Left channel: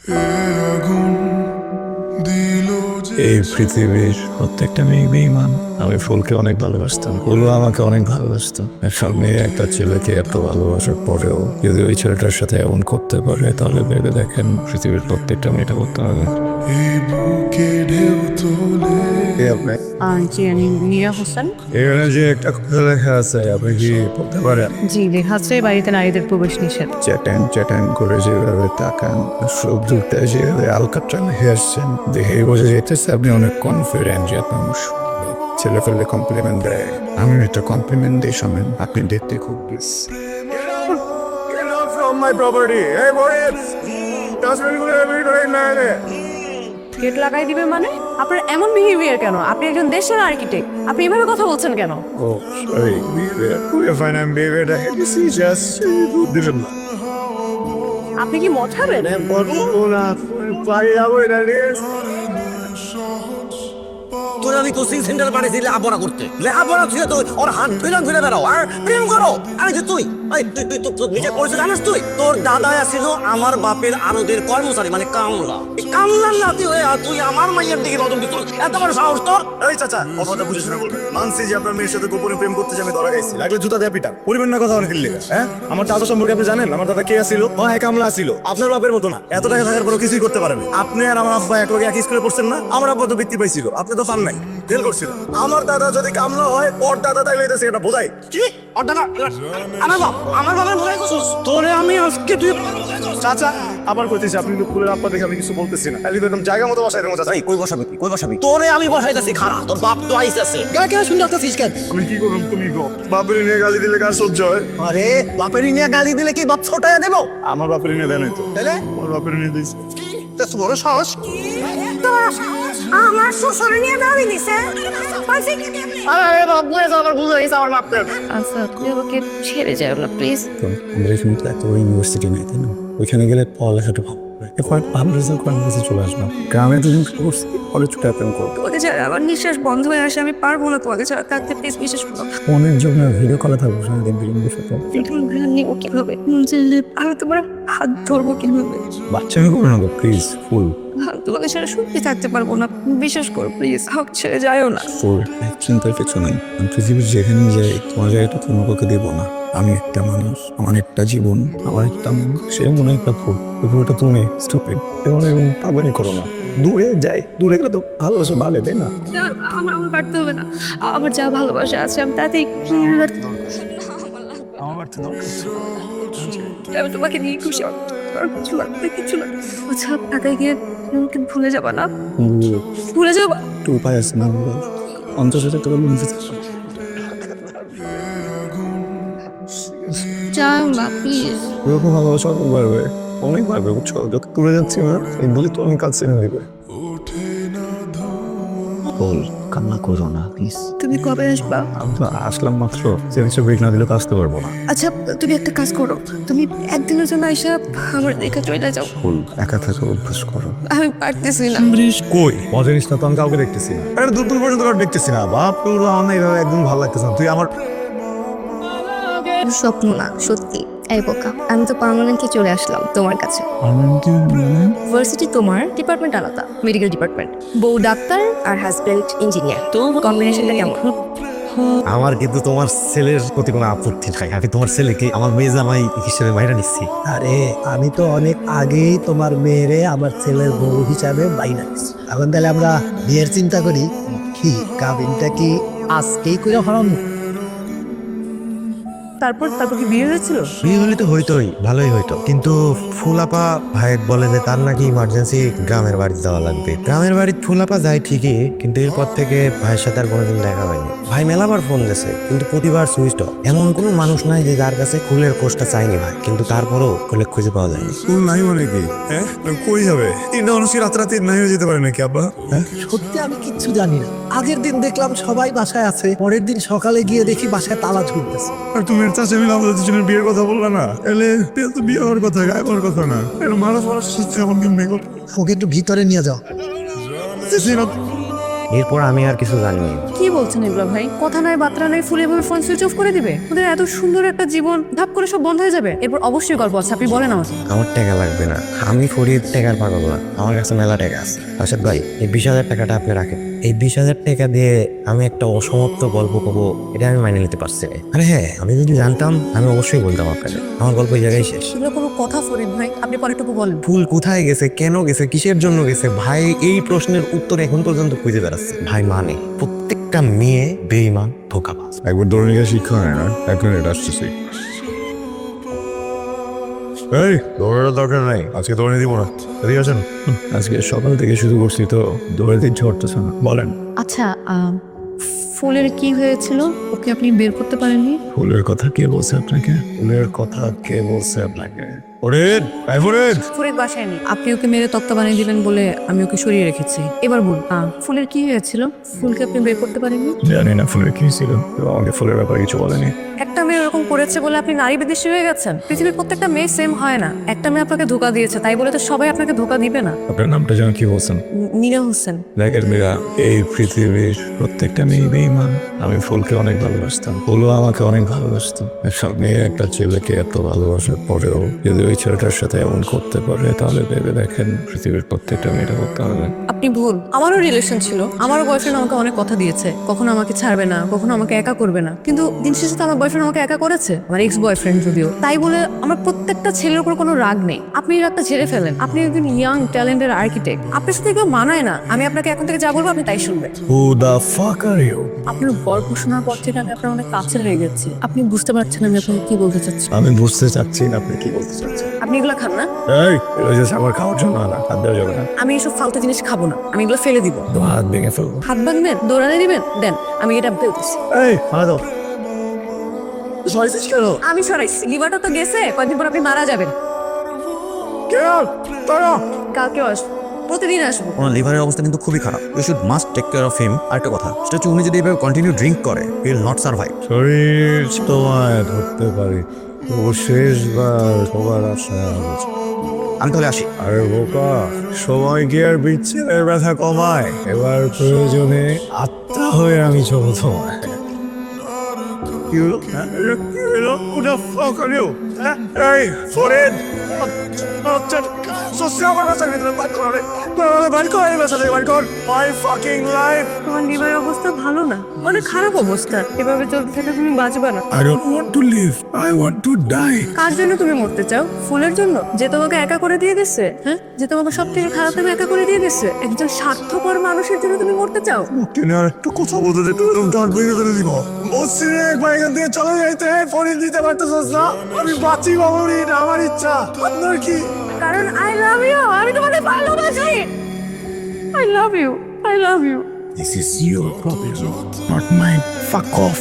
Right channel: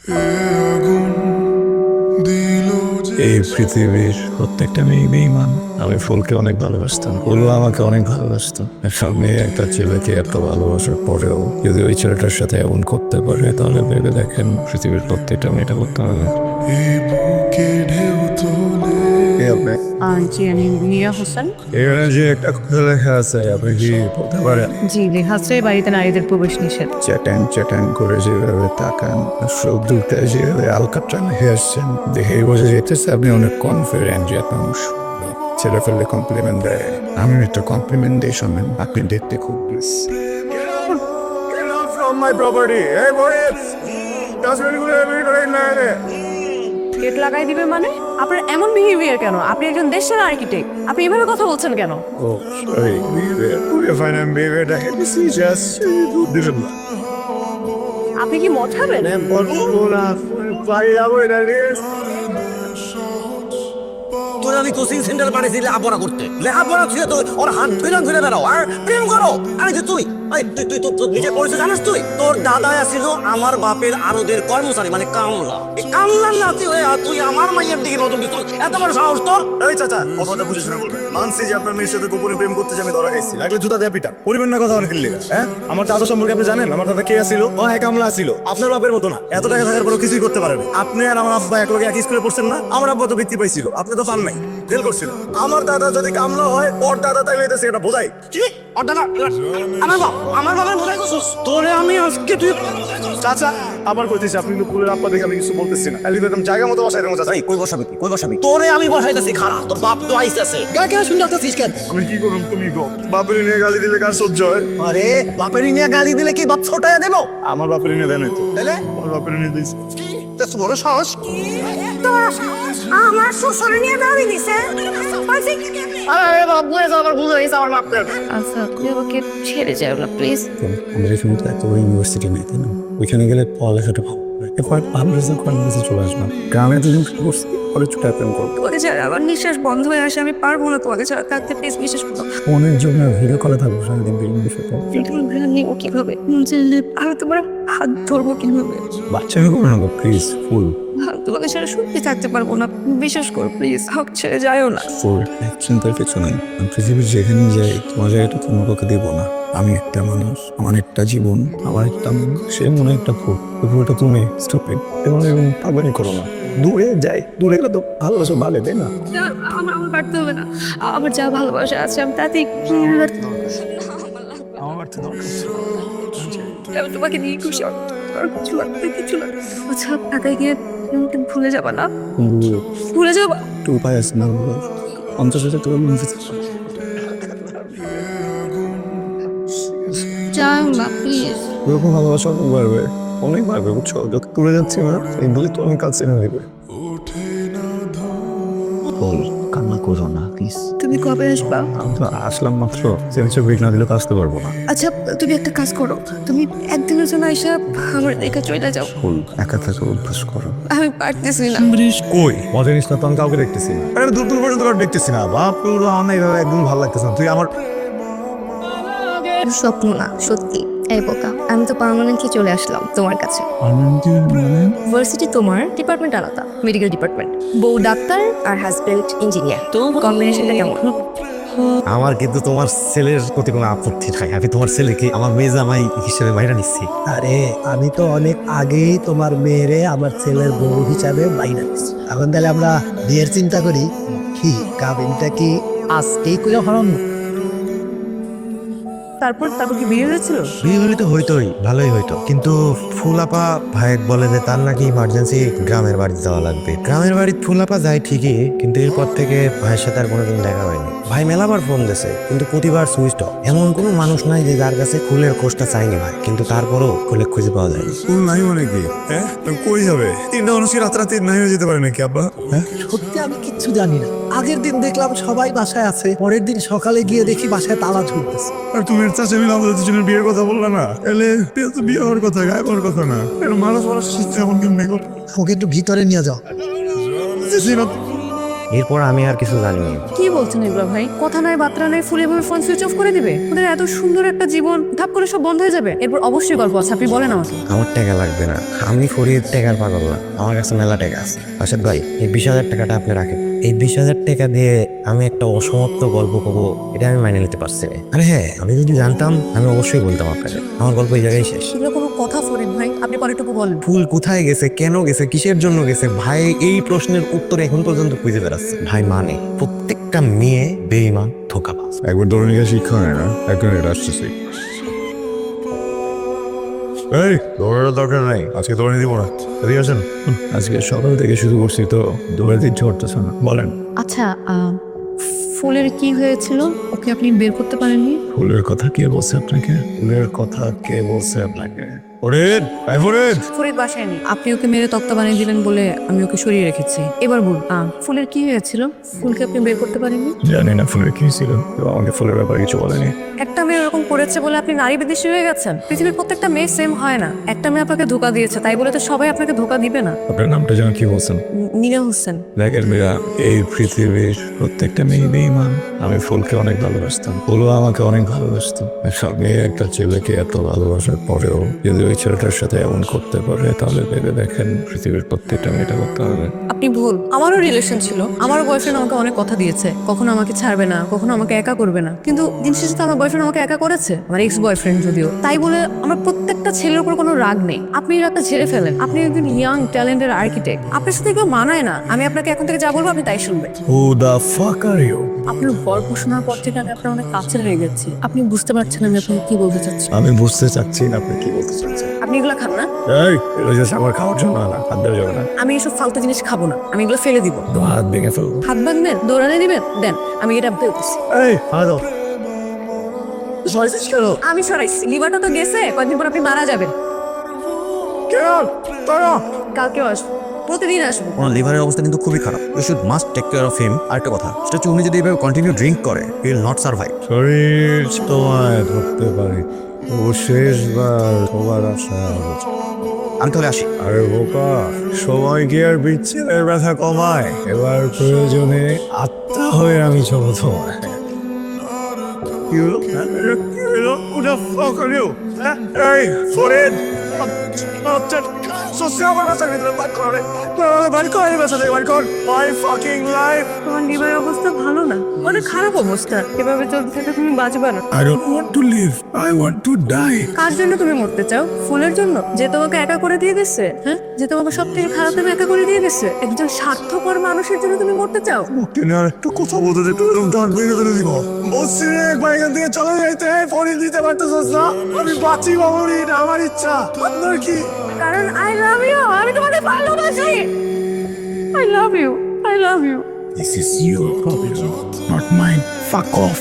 এই পৃথিবীর প্রত্যেকটা মেয়ে বেঈমান। আমি ফুলকে অনেক ভালোবাসতাম, ফুলও আমাকে অনেক ভালোবাসতো। সব মেয়ে একটা ছেলেকে এত ভালোবাসার পরেও যদি ওই ছেলেটার সাথে এমন করতে পারে, তাহলে ভেবে দেখেন পৃথিবীর প্রত্যেকটা মেয়েটা করতে হবে। এই বুকে ঢেউ তোলে। একটা কথা লেখা আছে, আপনি কি পড়তে পারেন? জি, লেখা আছে বাড়িতে নারীদের প্রবেশ নিষেধ। চ্যাটান চ্যাটান করে যেভাবে তাকান, সব দুটা যেভাবে আলকাট্রা হেসছেন, দেখে বোঝা যেতেছে আপনি অনেক কনফিডেন্ট যে মানুষ ছেলে ফেললে কমপ্লিমেন্ট দেয়। আমি একটা কমপ্লিমেন্ট দিই, শোনেন, আপনি দেখতে খুব গেট লাগাই দিবে মানে? আপনার এমন বিহেভিয়ার কেন? আপনি একজন দেশের আর্কিটেক্ট, আপনি এভাবে কথা বলছেন কেন? আপনি কি মদ খাবেন? তুই আমি কোচিং সেন্টার বানিয়েছি লেখাপড়া করতে, লেখাপড়া তুই তো ওর হাত ধরে ঘুরে বেড়াও আর প্রেম করো। আরে কি তুই তুই নিজে পড়েছিস জানিস? তুই তোর দাদা ছিল আমার বাপের আরবের কর্মচারী, মানে কামলা। এই কামলার নাতি হয়ে তুই আমার মায়ের দিকে বদল দিত, এত বড় সাহস তোর? এই চাচা, কথা বুঝে শোনা বলবেন। মানছি যে আপনার মেয়ের সাথে কুকুরে প্রেম করতে যাবে, ধরা খাইছি, লাগলে জুতা দিয়ে পিটা বলবেন না। কথা অনেক লিখে, হ্যাঁ? আমার দাদা সম্পর্কে আপনি জানেন? আমার দাদা কে ছিল? ও এক আমলা ছিল, আপনার বাপের মতো না। এত টাকা থাকার কোনো কিছুই করতে পারেন। আপনি আর আমার আব্বা এক লগে এক স্কুলে পড়ছেন না? আমার আব্বা তো ব্যক্তি পাইছিল, আপনি তো পান নাই, ফেল করছেন। আমার দাদা যদি কামলা হয়, ওর দাদা তাকে এটা সেটা বোঝাই। কি ওর দাদা আমার বাবা মনে করছিস তোরে আমি আজকে চাচা, আমার বলতেছি আপনি দুপুরের আব্বা দেখে আমি কিছু বলতেছি না। একদম জায়গা মতো বসাই দেবো চাচা। কই বসাবি কই বসাবি? তোরে আমি বসাইতেছি, খারাপ তোর বাপ তো আইতাছে। কেন শুনতে আসছিস কেন? আমি কি করুন, তুমি কো। বাপের নিয়ে গালি দিলে কার সহ্য হয়? আরে বাপের নিয়ে গালি দিলে কি বাপ ছোটায় দেবো? আমার বাপের নিয়ে দেয় নাই তো। তাহলে আমার বাপের নিয়ে দিয়েছে। তা তোর সাহস আমার শ্বশুর নিয়ে দাঁড়িয়ে নিছে। আরে বাপ বুঝে আমার ভুল হয়েছে আমার বাপকে। আচ্ছা, আপনি আমাকে ছেড়ে যান না প্লিজ। আমাদের এখানে তো এত ইউনিভার্সিটি নেই, তাই না? ওইখানে গেলে পড়ালেখাটা ভালো হবে। এরপর আমরা যখন কলেজে চলে আসবো, গ্রামে তো কলেজ প্রেম করবো। তোমাকে ছাড়া আমার নিঃশ্বাস বন্ধ হয়ে আসে, আমি পারবো না তোমাকে ছাড়া থাকতে, প্লিজ বিশ্বাস করো। অনেক জন্য ভিডিও কলে থাকবো সারাদিন, বিভিন্ন সাথে। তোমার ভালো নেব কিভাবে? আমি তোমার হাত ধরবো কিভাবে? বাচ্চাকে করো না প্লিজ, ফুল। তোমাকে ছাড়া সত্যি থাকতে পারবো না, বিশ্বাস করো প্লিজ। হাত ছেড়ে যাইও না। চিন্তার কিছু নেই, পৃথিবীর যেখানে যাই তোমার জায়গাটা কোনো কাউকে দেবো না। আমি একটা মানুষ, আমার একটা জীবন, আমার একটা মন, সে মনে একটা ফুল। ওটা তুমি স্টপ ইট, তেমন আমি পাবানি করো না। দূরে যাই, দূরে গেলে তো ভালোবাসা ভালো, তাই না? আমার পারতে হবে না, আমার যা ভালোবাসা আছে আমি তাতেই আমার তো আমি তোমাকে নিয়ে খুশি। আর কিছু লাগবে, কিছু লাগবে। আচ্ছা, ঢাকায় গিয়ে আমাকে ভুলে যাবা না? ভুলে যাবো? একটু উপায় আছে না? 50,000 টাকা মনে হচ্ছে। জান বা প্লিজ। এরকম ভালোবাসা অনেক বাড়বে, অনেক বাড়বে, বুঝছো? যত দূরে যাচ্ছি এই বলে তুমি কাছে এনে দেবে। কান্না করো না প্লিজ। তুমি কবে আসবা? আমি তো আসলাম মাত্র, যে কিছু ব্রেক না দিলে পৌঁছতে পারবো না। আচ্ছা, তুমি একটা কাজ করো, তুমি একদিনের জন্য এসে আমার দেখা চলে যাও। একা থাকো, অভ্যাস করো। আমি পারতেছি না। কই মজা নিস না তো, আমি কাউকে দেখতেছি না। আরে দূর পর্যন্ত কাউকে দেখতেছি না। বাপ তোর আমার একদম ভালো লাগতেছে না। তুই আমার স্বপ্ন না, সত্যি। এই বোকা, আমি তো পার্মানেন্টলি চলে আসলাম তোমার কাছে। ইউনিভার্সিটি তোমার, ডিপার্টমেন্ট আলাদা, মেডিকেল ডিপার্টমেন্ট। বউ ডাক্তার আর হাজবেন্ড ইঞ্জিনিয়ার, তো কম্বিনেশনটা কেমন? আমার কিন্তু তোমার ছেলের প্রতি কোনো আপত্তি নাই। আমি তোমার ছেলেকে আমার মেয়ে জামাই হিসেবে বাইরে নিচ্ছি। আরে আমি তো অনেক আগেই তোমার মেয়েরে আমার ছেলের বউ হিসাবে বাইরে দিচ্ছি। এখন তাহলে আমরা বিয়ের চিন্তা করি। কি কাবিনটা কি আজকেই করে হরম? তারপর কি বিয়ে হয়েছিল? বিয়ে হলে তো হইতো নাই, ভালোই হইতো, কিন্তু ফুলাপা ভাই বলে যে তার নাকি ইমার্জেন্সি গ্রামের বাড়ি যাওয়া লাগবে। গ্রামের বাড়ি ফুলাপা যায় ঠিকই, কিন্তু এরপর থেকে ভাইয়ের সাথে আর কোনোদিন দেখা হয়নি। ভাই মেলাবার ফোন গেছে, কিন্তু প্রতিবার সুইচ অফ। এমন কোনো মানুষ নাই যে যার কাছে খুলের কোষটা চাইনি ভাই, কিন্তু তারপরও খুলে খুঁজে পাওয়া যায় না। স্কুল নাই বলে কি? হ্যাঁ, কই যাবে? তিনটা মানুষ কি রাতারাতি নাই হয়ে যেতে পারে নাকি আব্বা? সত্যি আমি কিচ্ছু জানি না। আগের দিন দেখলাম সবাই বাসায় আছে, পরের দিন সকালে গিয়ে দেখি বাসায় তালা ঝুলতেছে। আর তোর চাষে মিলে আমাদের দুজনের বিয়ের কথা বলবে না? তাহলে তো বিয়ে হওয়ার কথা, গায়ে হওয়ার কথা না। এর মানুষ মানুষ শিখছে এমন কেন নেই? ওকে একটু ভিতরে নিয়ে যাও। এরপর আমি আর কিছু জানি না। কি বলছেন এগুলো ভাই? কথা নয় বার্তা নয় ফুলে বলে ফোন সুইচ অফ করে দিবে? ওদের এত সুন্দর একটা জীবন ধাপ করে সব বন্ধ হয়ে যাবে? এরপর অবশ্যই গল্প আছে, আপনি বলেন আমাকে। আমার টাকা লাগবে না, আমি ফরিদ টাকার পাগল না, আমার কাছে মেলা টাকা আছে। আসাদ ভাই, এই 20,000 টাকাটা আপনি রাখেন। এই 20,000 টাকা দিয়ে আমি একটা অসমাপ্ত গল্প করবো, এটা আমি মাইনে নিতে পারছি না। আরে হ্যাঁ, আমি যদি জানতাম আমি অবশ্যই বলতাম আপনাকে। আমার গল্প এই জায়গায় শেষ। এগুলো কোনো কথা ফরিদ ভাই, আপনি পরেরটুকু বলেন। ফুল কোথায় গেছে, কেন গেছে, কিসের জন্য গেছে, ভাই এই প্রশ্নের উত্তর এখন পর্যন্ত খুঁজে বেড়াচ্ছে। ভাই মানে প্রত্যেকটা মেয়ে বেঈমান, ধোঁকাবাজ। একবার দৌড়ে গিয়ে শিক্ষা হয় না, একবার এটা আসতেছি। এই, দৌড়ানোর দরকার নাই, আজকে দৌড়ে দিব না। এদিকে আসেন। আজকে সকাল থেকে শুরু করছি তো দৌড়ে দিচ্ছে করতেছে না। বলেন। আচ্ছা, ফুলের কি হয়েছিল? ওকে আপনি বের করতে পারেননি? ফুলের কথা কে বলছে আপনাকে? ফুলের কথা কে বলছে আপনাকে? ফরিদ, এই ফরিদ। ফুলের বাসায় নেই। আপনি ওকে মেরে তত্ত্ব বানিয়ে দিলেন বলে আমি ওকে সরিয়ে রেখেছি। এবার বলুন, ফুলের কি হয়েছিল? ফুলকে আপনি বের করতে পারেননি? জানি না ফুলের কি ছিল, তো আমাকে ফুলের ব্যাপারে কিছু বলেনি। একটা মেয়ে এরকম করেছে বলে আপনি নারী বিদেশী হয়ে গেছেন? পৃথিবীর প্রত্যেকটা মেয়ে সেম হয় না। একটা মেয়ে আপনাকে ধোকা দিয়েছে, তাই বলে তো সবাই আপনাকে ধোকা দিবে না। আপনার নামটা যেন কি বলছেন? নীরা হোসেন। দেখেন মেয়েরা, এই পৃথিবীর প্রত্যেকটা মেয়ে বেঈমান। আমি ফুলকে অনেক ভালোবাসতাম, ফুলও আমাকে অনেক ভালোবাসতো। সব মেয়ে একটা ছেলেকে এত ভালোবাসার পরেও যদি ওই ছেলেটার সাথে এমন করতে পারে, তাহলে ভেবে দেখেন পৃথিবীর প্রত্যেকটা মেয়েটা করতে পারবে। আপনি ভুল। আমারও রিলেশন ছিল, আমারও বয়ফ্রেন্ড আমাকে অনেক কথা দিয়েছে, কখনো আমাকে ছাড়বে না, কখনো আমাকে একা করবে না। কিন্তু দিন শেষে তো আমার বয়ফ্রেন্ড আমাকে একা করেছে, আমার এক্স বয়ফ্রেন্ড যদিও। তাই বলে আমার প্রত্যেকটা ছেলের উপর কোনো রাগ নেই। আপনি একটা ছেলে ফেলেন, আপনি একজন ইয়াং ট্যালেন্টেড আর্কিটেক্ট, আপনার সাথে কেউ মানায় না। আমি আপনাকে এখন থেকে যা বলবো আপনি তাই শুনবেন। Who the fuck are you? আপনার গল্প শোনার পর থেকে আমি আপনার অনেক কাছে হয়ে গেছি। আপনি বুঝতে পারছেন আমি আপনাকে কি বলতে চাচ্ছি। আমি বুঝতে চাচ্ছি না আপনি কি বলতে চাচ্ছেন। আপনি এগুলো খান না? এই, এটা just আমার খাওয়ার জন্য না, খাদ্যের জন্য না। আমি এসব ফালতু জিনিস খাবো না, আমি এগুলো ফেলে দিব। তো হাত ভেঙে ফেলবো। হাত ভাঙবেন, দৌড়ানি দিবেন, দেন আমি এটা ফেলতেছি। এই, হাত সরাইছিস কেন? আমি সরাইছি, লিভারটা তো গেছে, কয়েকদিন পর আপনি মারা যাবেন। কালকেও আসবো, প্রতিদিন আসবো। ওর লিভারের অবস্থা কিন্তু খুবই খারাপ। We should must take care of him. আরেকটা কথা, সেটা হচ্ছে উনি যদি এভাবে কন্টিনিউ ড্রিঙ্ক করে, হি উইল নট সার্ভাইভ। শরীর তোমায় ধরতে পারি, ও শেষবার তোমার আশা। আমি তাহলে আসি। আরে বোকা, সময় কি আর বিচ্ছেদের ব্যথা কমায়? এবার প্রয়োজনে আত্মা হয়ে আমি চলছি। লিভারের অবস্থা ভালো না, অনেক খারাপ অবস্থা। এভাবে তো তুমি বাঁচবে না। I don't want to live, I want to die. কার জন্য তুমি মরতে চাও? ফুলের জন্য, যে তোমাকে একা করে দিয়ে গেছে? হ্যাঁ, যে তোমাকে সব থেকে খারাপ আমি একা করে দিয়ে গেছে? একজন স্বার্থপর মানুষের জন্য তুমি মরতে চাও? তুমি আর একটু কথা বলতে দে, তুমি দর ভেঙে ফেলে দিব। বলছি রে, একবার এখান থেকে চলে যাইতে, ফরিদ দিতে পারতেছিস না? আমি বাঁচি বাবুরি, এটা আমার ইচ্ছা। আপনার কি? কারণ আই লাভ ইউ, আমি তোমাকে ভালোবাসি। I love you, I love you. This is your, not mine. Fuck off.